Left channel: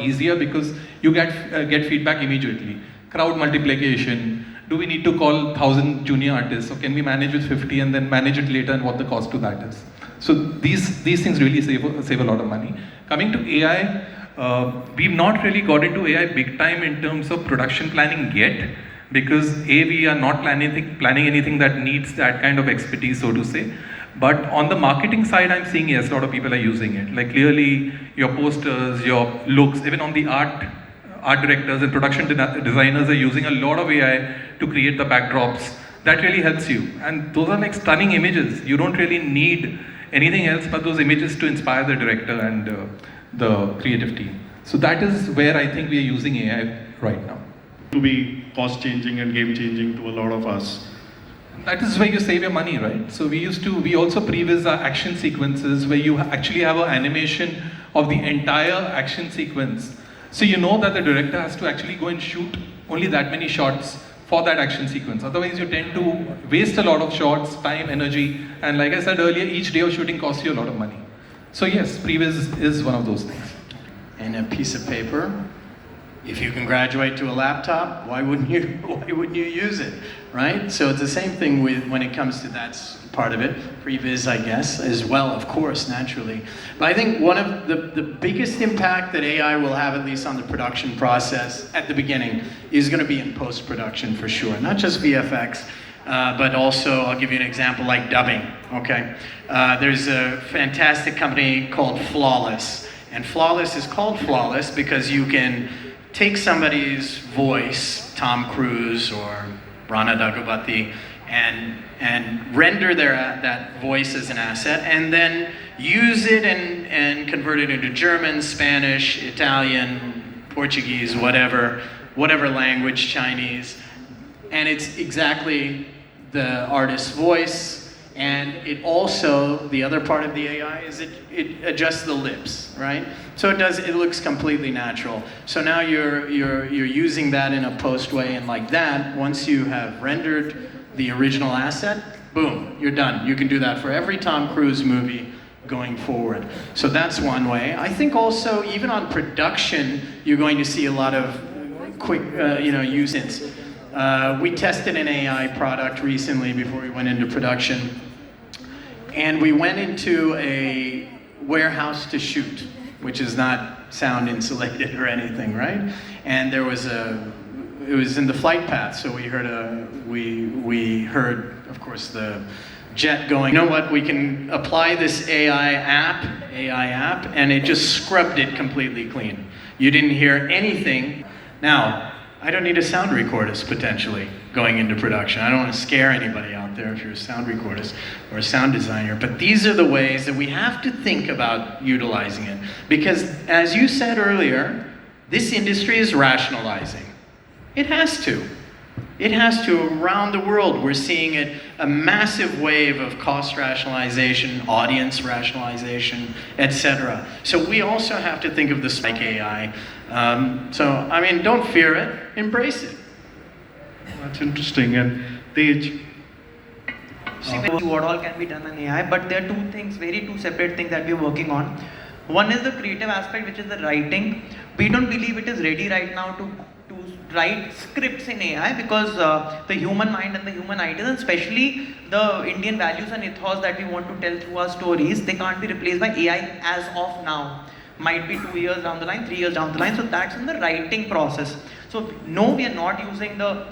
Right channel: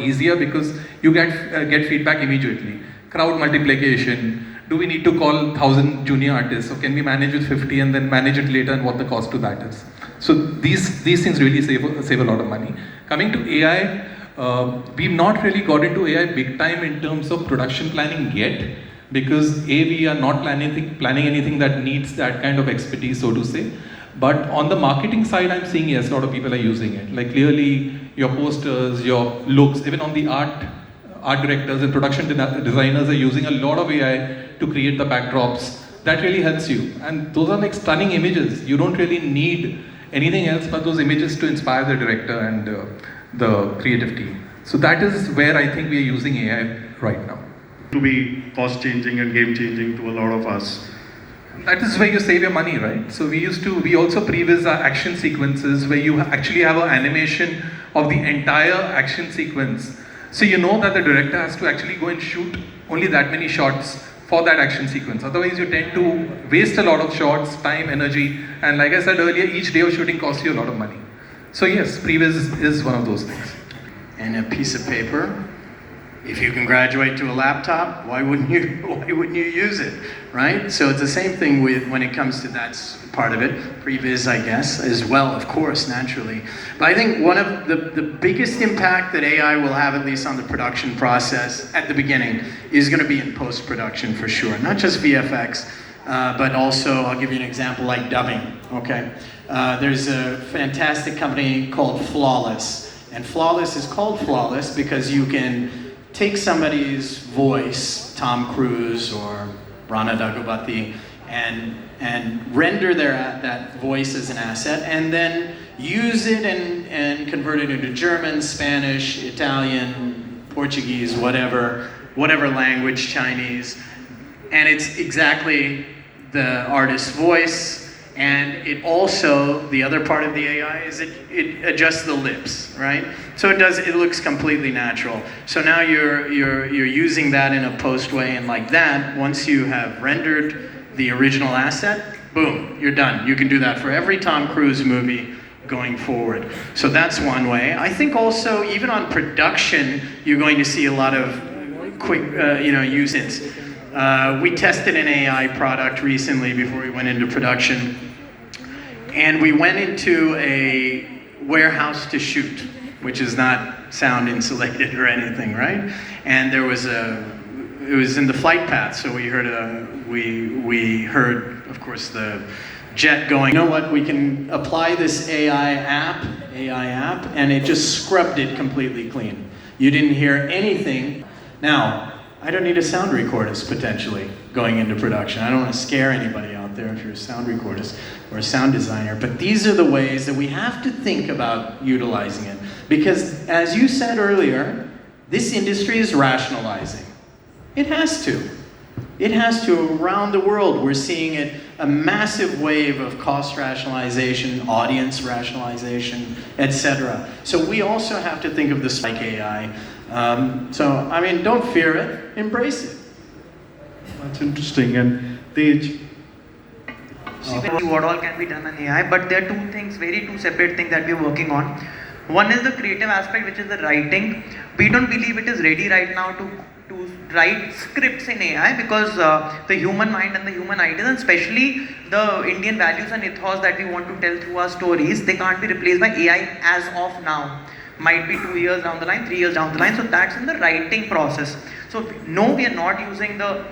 easier because you get feedback immediately. Crowd multiplication. Do we need to call 1,000 junior artists, or can we manage with 50 and then manage it later, and what the cost to that is? So these things really save a lot of money. Coming to AI, we've not really got into AI big time in terms of production planning yet, because we are not planning anything that needs that kind of expertise, so to say. But on the marketing side, I'm seeing yes, a lot of people are using it. Like clearly, your posters, your looks, even on the art directors and production designers are using a lot of AI to create the backdrops. That really helps you. And those are like stunning images. You don't really need anything else but those images to inspire the director and the creative team. So that is where I think we are using AI right now. To be cost changing and game changing to a lot of us. That is where you save your money, right? So we also previs our action sequences where you actually have an animation of the entire action sequence. So you know that the director has to actually go and shoot only that many shots for that action sequence. Otherwise you tend to waste a lot of shots, time, energy, and like I said earlier, each day of shooting costs you a lot of money. So yes, previs is one of those things. And a piece of paper. If you can graduate to a laptop, why wouldn't you use it, right? So it's the same thing when it comes to that part of it, previs, I guess, as well, of course, naturally. But I think one of the biggest impact that AI will have, at least on the production process at the beginning, is going to be in post-production for sure. Not just VFX, but also, I'll give you an example, like dubbing, okay? There's a fantastic company called Flawless. And Flawless is called Flawless because you can take somebody's voice, Tom Cruise or Rana Daggubati, and render that voice as an asset, and then use it and convert it into German, Spanish, Italian, Portuguese, whatever language, Chinese, and it's exactly the artist's voice. And it also, the other part of the AI is it adjusts the lips, right? So it looks completely natural. So now you're using that in a post way, and like that, once you have rendered the original asset, boom, you're done. You can do that for every Tom Cruise movie going forward. So that's one way. I think also, even on production, you're going to see a lot of quick, uses. We tested an AI product recently before we went into production, and we went into a warehouse to shoot, which is not sound insulated or anything, right? And it was in the flight path, so we heard, of course, the jet going. You know what? We can apply this AI app, and it just scrubbed it completely clean. You didn't hear anything. Now, I don't need a sound recordist, potentially, going into production. I don't want to scare anybody out there if you're a sound recordist or a sound designer. But these are the ways that we have to think about utilizing it. Because, as you said earlier, this industry is rationalizing. It has to. It has to. Around the world, we're seeing it, a massive wave of cost rationalization, audience rationalization, etc. So we also have to think of this like AI. So, I mean, don't fear it, embrace it. That's interesting. And Tej? What all can be done in AI, but there are two separate things that we're working on. One is the creative aspect, which is the writing. We don't believe it is ready right now to write scripts in AI, because the human mind and the human ideas, and especially the Indian values and ethos that we want to tell through our stories, they can't be replaced by AI as of now. Might be 2 years down the line, 3 years down the line. So that's in the writing process. So no, we are not using the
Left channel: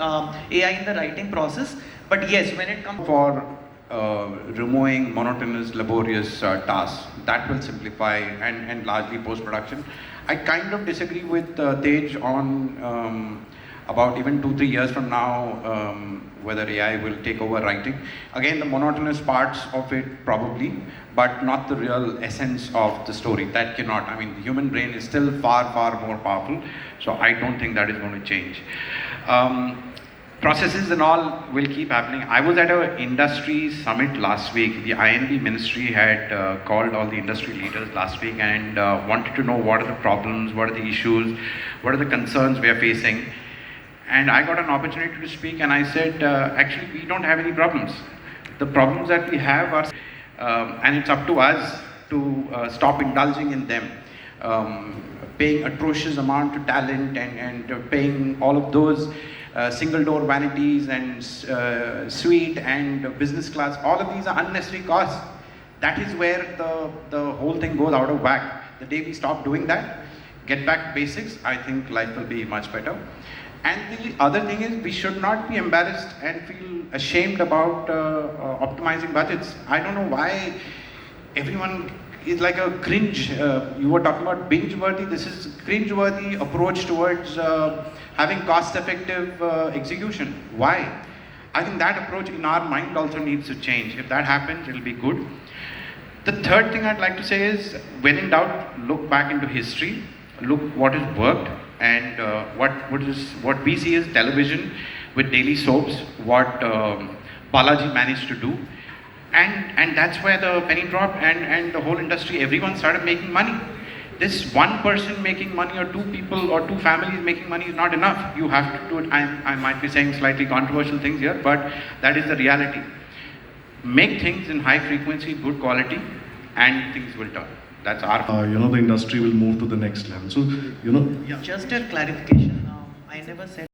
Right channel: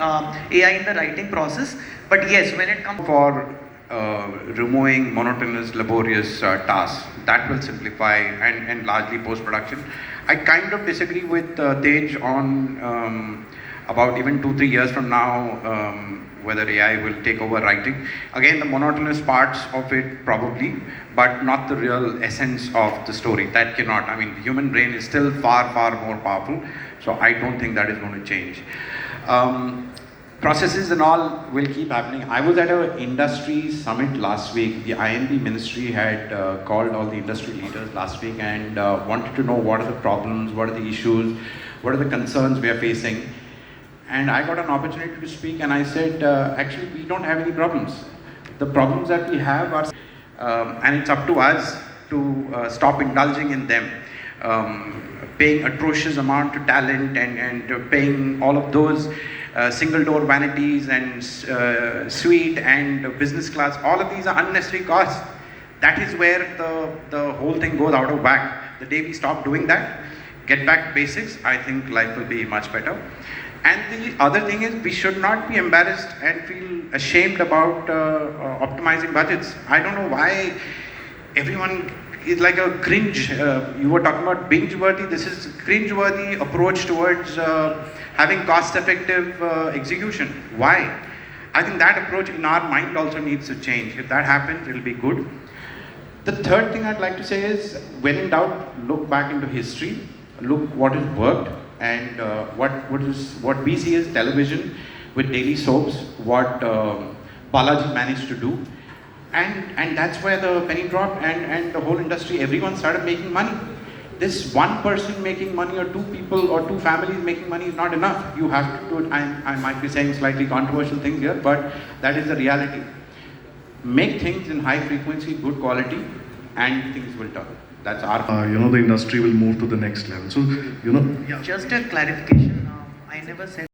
AI in the writing process. But yes, when it comes for removing monotonous, laborious tasks, that will simplify and largely post-production. I kind of disagree with Tej on about even 2-3 years from now, whether AI will take over writing. Again, the monotonous parts of it probably, but not the real essence of the story. That cannot. I mean, the human brain is still far, far more powerful. So I don't think that is going to change. Processes and all will keep happening. I was at an industry summit last week. The INB ministry had called all the industry leaders last week and wanted to know what are the problems, what are the issues, what are the concerns we are facing. And I got an opportunity to speak, and I said, actually, we don't have any problems. The problems that we have are, and it's up to us to stop indulging in them. paying atrocious amount to talent and paying all of those single door vanities and suite and business class, all of these are unnecessary costs. That is where the whole thing goes out of whack. The day we stop doing that, get back to basics, I think life will be much better. And the other thing is, we should not be embarrassed and feel ashamed about optimizing budgets. I don't know why everyone is like a cringe. You were talking about binge-worthy. This is cringe-worthy approach towards having cost-effective execution. Why? I think that approach in our mind also needs to change. If that happens, it'll be good. The third thing I'd like to say is, when in doubt, look back into history, look what has worked, and what we see as television with daily soaps, what Balaji managed to do, and that's where the penny dropped, and the whole industry, everyone started making money. This one person making money, or two people or two families making money is not enough. You have to do it. I might be saying slightly controversial things here, but that is the reality. Make things in high frequency, good quality, and things will turn. That's our. The industry will move to the next level. So, Just a clarification. I never said